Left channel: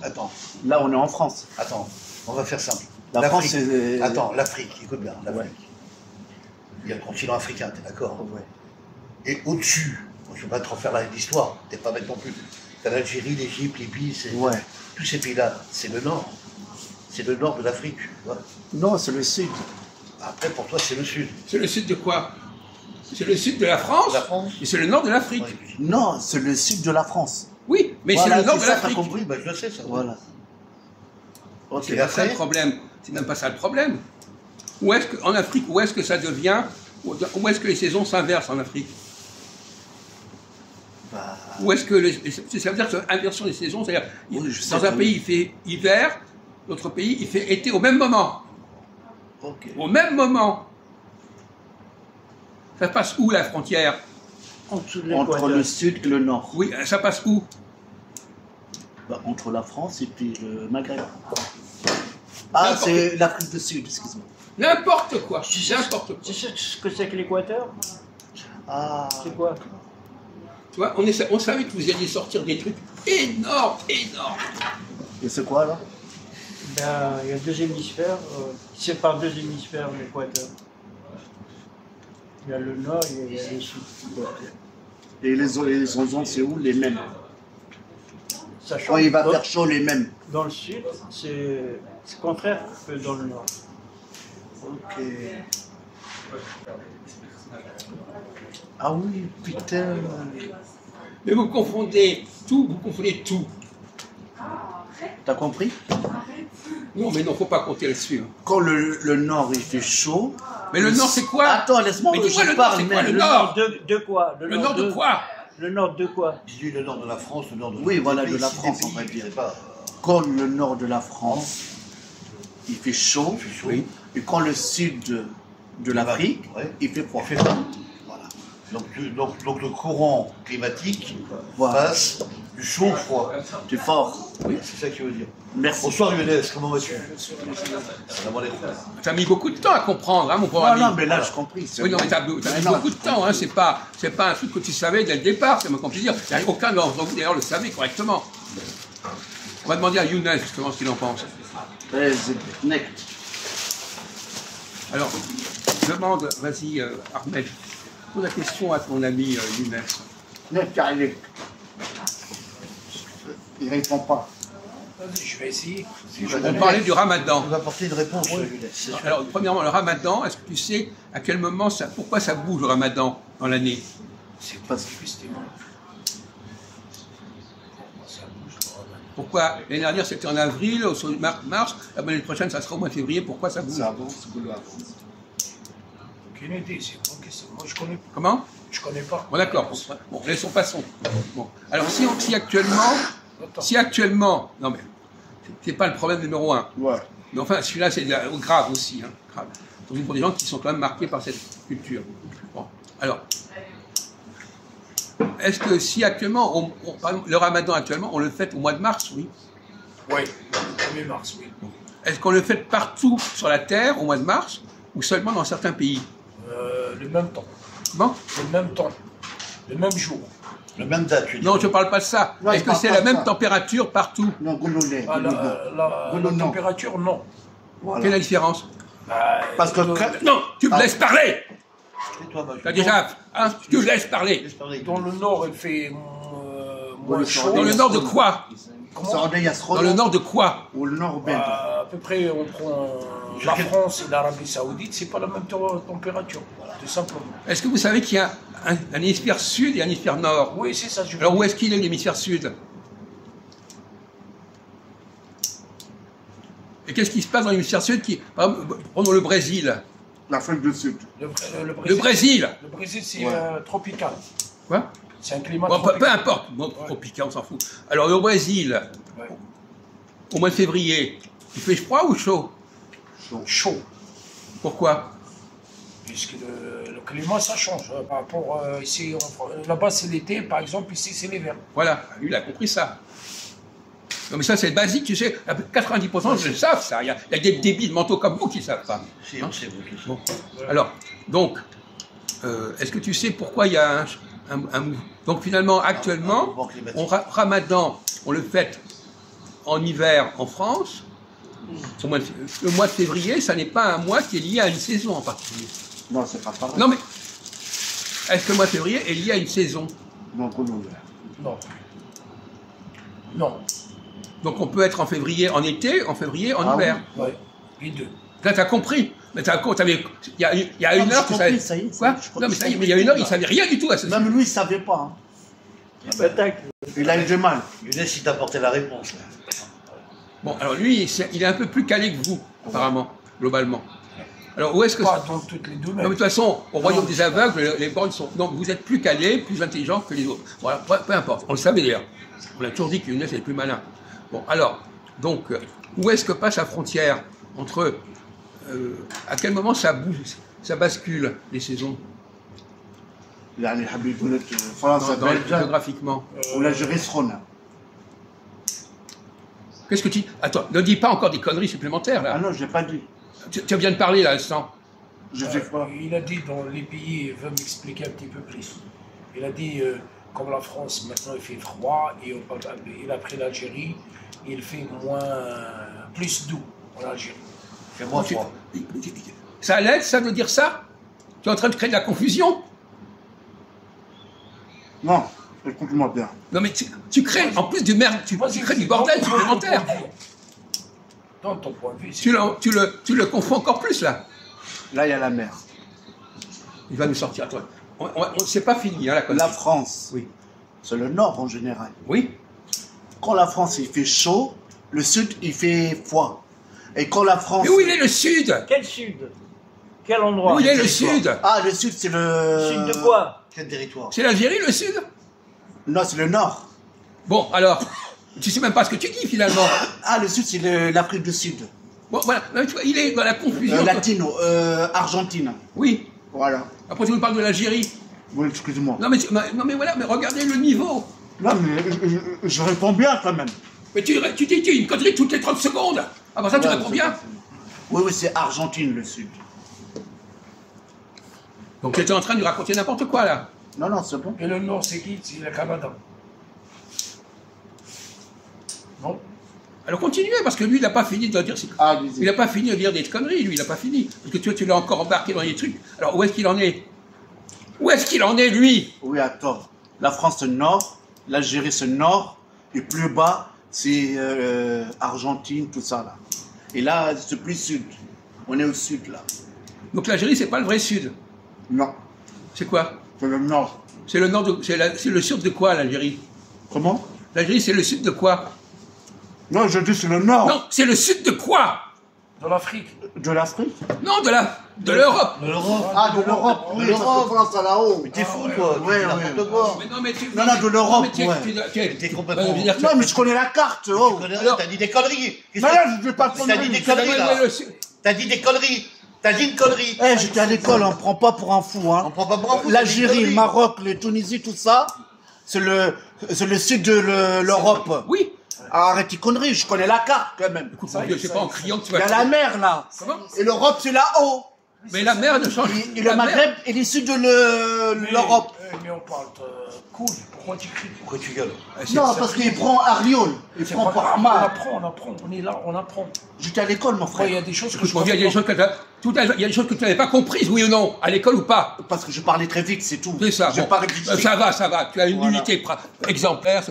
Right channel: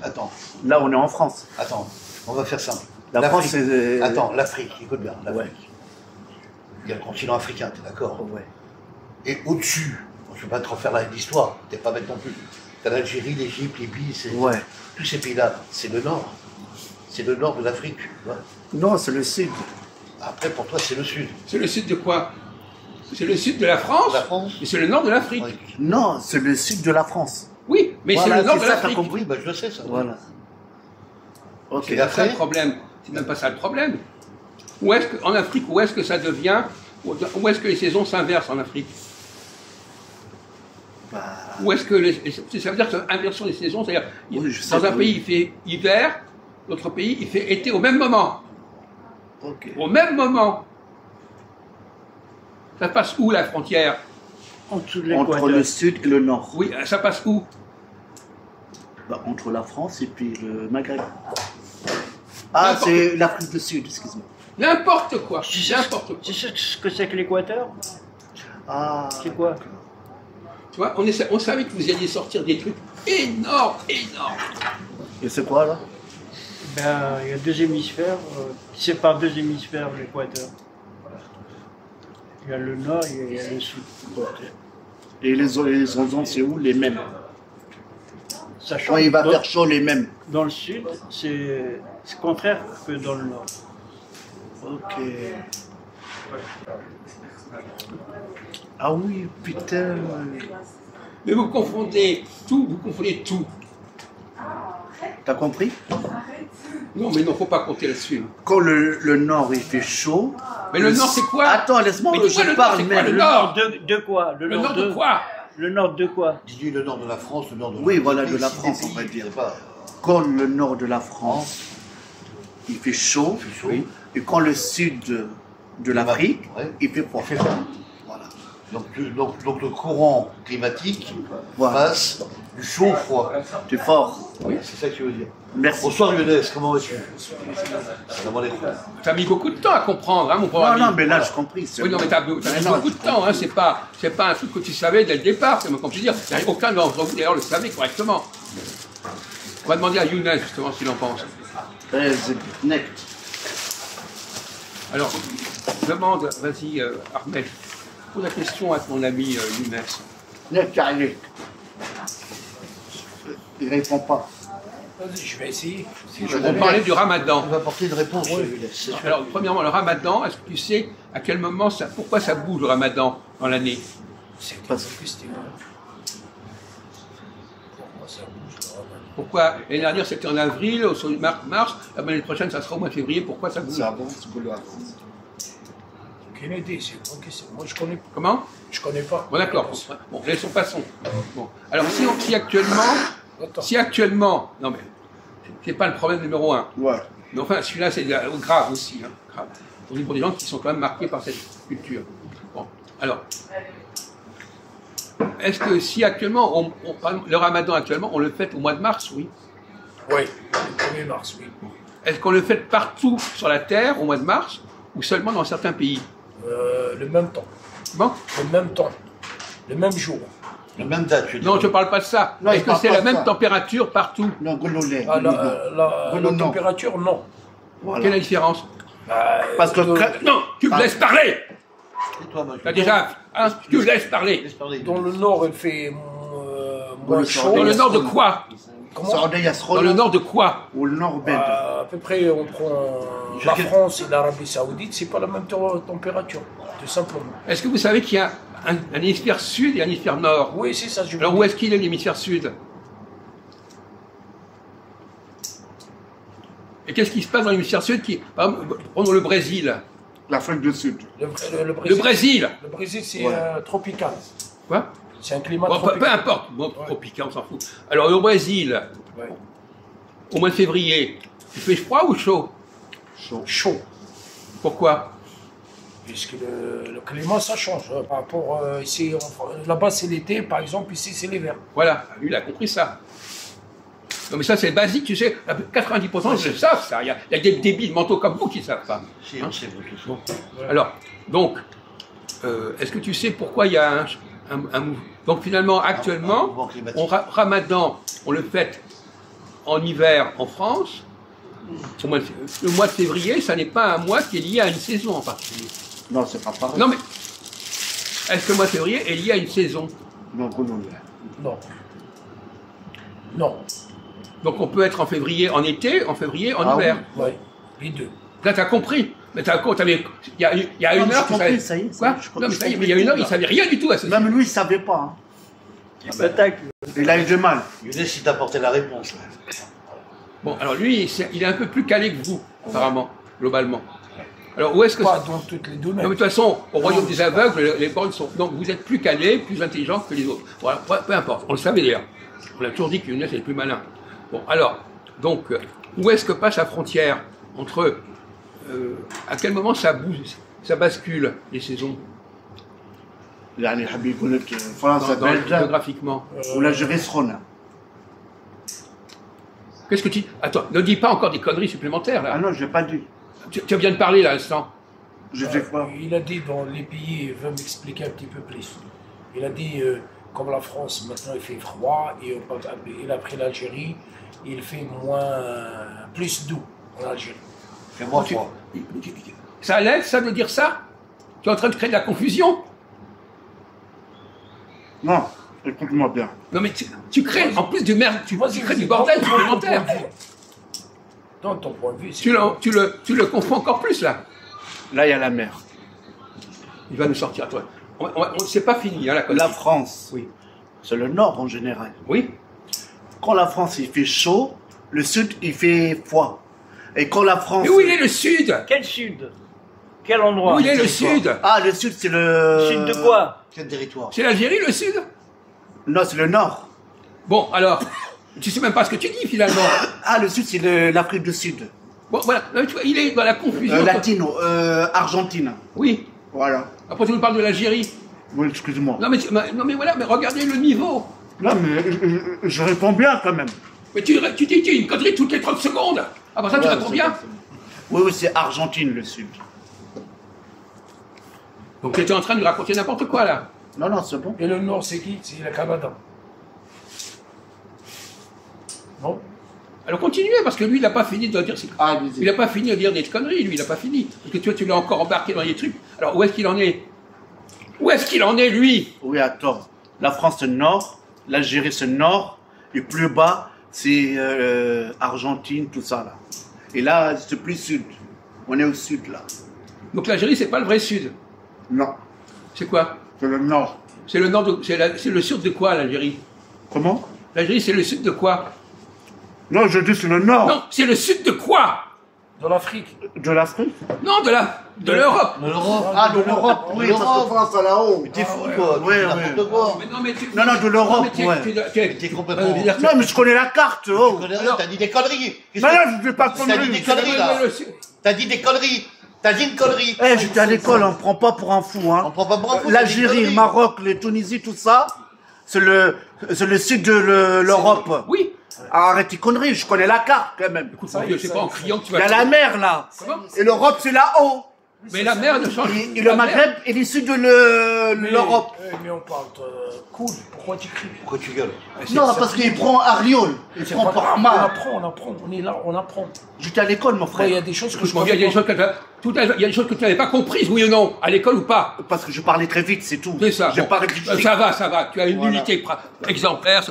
Attends, Là, on est en France. attends, on va faire simple. La France, L'Afrique. c'est... Attends, l'Afrique, écoute bien, l'Afrique. Ouais. Il y a le continent africain, t'es d'accord? Ouais. Et au-dessus, je ne vais pas te refaire l'histoire, t'es pas bête non plus. T'as l'Algérie, l'Égypte, Libye, Ouais. tous ces pays-là, c'est le nord. C'est le nord de l'Afrique. Ouais. Non, c'est le sud. Après, pour toi, c'est le sud. C'est le sud de quoi? C'est le sud de la France, La France. et c'est le nord de l'Afrique. Ouais. Non, c'est le sud de la France. Oui, mais Voilà, c'est le nord de c'est ça, l'Afrique. T'as compris? Bah, je le sais, ça. Voilà. Ok. C'est pas ça le problème. C'est même pas ça le problème. Où est-ce que, en Afrique, où est-ce que ça devient, où est-ce que les saisons s'inversent en Afrique? Bah, Où est-ce que ça veut dire que l'inversion des saisons, c'est-à-dire Oui, je sais dans un que pays il fait hiver, l'autre pays il fait été au même moment. ok. Au même moment. Ça passe où la frontière? Entre le sud et le nord. Oui, ça passe où? Bah, entre la France et puis le Maghreb. Ah, N'importe- c'est l'Afrique du Sud, excuse-moi. N'importe quoi. N'importe quoi. Tu sais ce que c'est que l'équateur? Ah. C'est quoi? Tu vois, on savait que vous alliez sortir des trucs énormes, énormes. Et c'est quoi, là? Ben, il y a deux hémisphères, c'est par deux hémisphères l'équateur. Il y a le nord et il y a le sud. Ok. Et les saisons, c'est où? Les mêmes. Ça change. Quand il va dans, faire chaud, les mêmes. dans le sud, c'est contraire que dans le nord. Ok. Ah oui, putain. Mais vous confondez tout, vous confondez tout. T'as compris? Non, mais non, faut pas compter là-dessus. Quand le nord, il fait chaud... Mais le nord, c'est quoi? Attends, laisse-moi, Mais dis-moi, je le parle nord, c'est quoi, même. le Le nord? nord de quoi? Le nord de quoi? Le nord de quoi? Dis-lui le nord de la France, le nord de Oui, voilà, des de la pays, France, des on va pays, dire. je sais pas. Quand le nord de la France, il fait chaud, Il fait chaud. oui, et quand le sud de l'Afrique, Ouais. il fait froid. Il fait froid. Voilà. Donc le courant climatique Voilà. passe du chaud au froid. C'est fort. C'est ça que tu veux dire. Merci. Bonsoir Younes, comment vas-tu? Salam alaikum. T'as mis beaucoup de temps à comprendre, hein, mon pauvre Non, ami. non, mais là, j'ai compris. c'est Oui, non, bon. mais t'as mis Mais non, beaucoup de j'ai temps, hein, compris. c'est pas un truc que tu savais dès le départ, comme je dire. Aucun d'entre vous d'ailleurs le savait correctement. On va demander à Younes justement ce qu'il en pense. C'est net. Alors, demande, vas-y Armel, pose la question à ton ami Younes. Net, carré. Il répond pas. Vas-y, je vais essayer. On parlait du ramadan. Il va apporter une réponse, Younes, c'est sûr. Alors, premièrement, le ramadan, est-ce que tu sais à quel moment, pourquoi ça bouge le ramadan dans l'année? C'est Parce- difficile. Comment ça bouge, là? Pourquoi? L'année dernière, c'était en avril, au mars, l'année prochaine, ça sera au mois de février, pourquoi ça bouge? Ça avance, c'est boulot avance. Aucune idée, c'est une bonne question. Moi, Comment? je connais pas. Bon, d'accord. Bon, laissons passons. Bon. Alors, si actuellement, non mais, c'est pas le problème numéro un. Ouais. Mais enfin, celui-là, c'est grave aussi. Hein, grave. Pour des gens qui sont quand même marqués par cette culture. Bon, alors, est-ce que si actuellement, le ramadan actuellement, on le fait au mois de mars, oui? Oui, le 1er mars, oui. Est-ce qu'on le fait partout sur la Terre au mois de mars, ou seulement dans certains pays? Le même temps. Bon? Le même temps. Le même jour. La même date, tu veux dire. Non, je ne parle pas de ça. Non, Est-ce il que parle c'est pas la de même ça. température partout? Non, Gololais. Ah, la non. température, non. Voilà. Quelle est la différence? Parce que... Non, tu me Ah. laisses parler! Et toi, ma T'as déjà... Hein, tu me laisses parler! Laisse parler. Dans le nord, il fait Dans moins le chaud. nord, Dans le nord de quoi? Saoudé Dans Yasrona le nord de quoi? ou le nord belge. À peu près, on prend la France et l'Arabie Saoudite, c'est pas la même température, tout simplement. Est-ce que vous savez qu'il y a un hémisphère sud et un hémisphère nord? Oui, c'est ça, je Alors où est-ce qu'il est l'hémisphère sud? Et qu'est-ce qui se passe dans l'hémisphère sud par exemple, prenons le Brésil. L'Afrique du Sud. Le Brésil! Le Brésil, c'est Ouais. Tropical. Quoi? C'est un climat Bon, peu tropical. importe. Bon, tropical, on s'en fout. Alors au Brésil, Ouais. au mois de février, il fait froid ou chaud? Chaud. Pourquoi? Puisque le climat, ça change. Par rapport ici, là-bas, c'est l'été, par exemple, ici, c'est l'hiver. Voilà, lui, il a compris ça. Non, mais ça, c'est basique, tu sais. 90% ils le savent, ça. Il y a des débiles mentaux comme vous qui ne savent pas. Si, on sait, vous tous. Bon. Alors, donc, est-ce que tu sais pourquoi il y a un mouvement? Donc, finalement, actuellement, mouvement climatique. Ramadan, on le fête en hiver en France, le mois de février, ça n'est pas un mois qui est lié à une saison en particulier. Non, c'est pas pareil. Non mais, est-ce que le mois de février est lié à une saison? Non, non. Non. Non. Donc on peut être en février en été, en février en hiver. Oui, les deux. Là, t'as compris. Mais t'as compris, il y a Non, une heure, j'ai compris, ça y est, Quoi non, mais ça y est, mais il y a une heure, il savait rien du tout à ce sujet. Même lui, il savait pas. Hein. Attaque. Il a eu du mal. Younes, il t'a apporté la réponse. Là. Bon, alors lui, il est un peu plus calé que vous, apparemment, globalement. Alors où est-ce que Pas dans toutes les domaines. Non, mais de toute façon, au royaume des aveugles, les bornes sont. Donc vous êtes plus calé, plus intelligent que les autres. Voilà, peu importe. On le savait d'ailleurs. On a toujours dit que Younes est plus malin. Bon, alors, donc, où est-ce que passe la frontière entre. À quel moment ça bouge, ça bascule, les saisons يعني حبيب يقول لك فرنسا بلجا géographiquement. والجيري سخونه. Qu'est-ce que tu. Attends, ne dis pas encore des conneries supplémentaires, là. Ah non, je l'ai pas dit. Tu viens de parler, là, à l'instant. Je sais pas. Il a dit dans les pays, il veut m'expliquer un petit peu plus. Il a dit, comme la France, maintenant il fait froid, et il a pris l'Algérie, il fait plus doux en Algérie. C'est moins froid. Ça l'aide, ça, de dire ça? Tu es en train de créer de la confusion? Non, écoute-moi bien. Non, mais tu crées, en plus du merde, tu crées du bordel supplémentaire. Dans ton point de vue, Tu le confonds encore plus, là. Là, il y a la mer. Il va nous sortir, toi. C'est pas fini, hein, la connerie. La France, Oui. c'est le nord en général. Oui. Quand la France, il fait chaud, le sud, il fait froid. Et quand la France... Mais où il est le sud? Quel sud? Quel endroit? Où il est le sud? Ah, le sud, c'est le... Sud de quoi? Quel territoire? C'est l'Algérie, le sud? Non, c'est le nord. Bon, alors, tu sais même pas ce que tu dis, finalement. Ah, le sud, c'est l'Afrique du Sud. Bon, voilà, non, tu vois, il est dans la confusion. Latino, Argentine. Oui. Voilà. Après, tu nous parles de l'Algérie. Oui, excuse-moi. Non, mais voilà, mais regardez le niveau. Non, mais je réponds bien quand même. Mais tu dis une connerie toutes les 30 secondes. Après ça, tu réponds bien. Oui, c'est Argentine, le sud. Donc, tu étais en train de lui raconter n'importe quoi, là. Non, non, c'est bon. Et le nord, c'est qui? C'est le Canada. Non? Alors, continuez, parce que lui, il n'a pas fini de dire... Ah, allez-y. Il n'a pas fini de dire des conneries, lui, il n'a pas fini. Parce que toi, tu l'as encore embarqué dans des trucs. Alors, où est-ce qu'il en est? Où est-ce qu'il en est, lui? Oui, attends. La France, c'est le nord. L'Algérie, c'est le nord. Et plus bas, c'est Argentine, tout ça, là. Et là, c'est plus sud. On est au sud, là. Donc, l'Algérie, c'est pas le vrai sud. Non, C'est quoi? c'est le nord. C'est le nord de... C'est le sud de quoi, l'Algérie? Comment? L'Algérie, c'est le sud de quoi? Non, je dis c'est le nord. Non, c'est le sud de quoi? De l'Afrique. De l'Afrique? Non, de l'Europe. De l'Europe. Ah, de l'Europe, oui, parce que France, à là-haut. Mais t'es fou, toi. Tu Ouais, dis ouais. n'importe quoi. Mais non, mais tu... Non, non, de l'Europe, mais ouais. Mais t'es complètement... Non, mais je connais la carte, oh. Tu connais rien, t'as dit des conneries. Mais là, je ne vais pas T'as dit des conneries. conneries, là. T'as dit des conneries. T'as dit une connerie. Eh, j'étais à l'école, on ne prend pas pour un fou, hein. On prend pas pour un fou, t'as dit une L'Algérie, le connerie. Maroc, la Tunisie, tout ça, c'est le sud de l'Europe. Oui. Arrête tes conneries, je connais la carte quand même. Écoute, mon Dieu, c'est pas en criant que tu Il vas... y a la mer là. Comment? Et l'Europe, c'est là-haut. Mais la mer ne change... Et le Maghreb est issu de l'Europe. Mais on parle cool. Pourquoi tu cries? Pourquoi tu gueules? Non, parce qu'il prend Ariol. Il C'est prend pas grave. Parma. On apprend. On est là, on apprend. J'étais à l'école, mon Après, il y a frère. des choses que Écoute, je mon Dieu, il y a des choses que il y a des choses que tu n'avais pas comprises, oui ou non, à l'école ou pas? Parce que je parlais très vite, c'est tout. C'est ça. J'ai bon. pas réfléchi. Ça va, tu as une Voilà. unité exemplaire.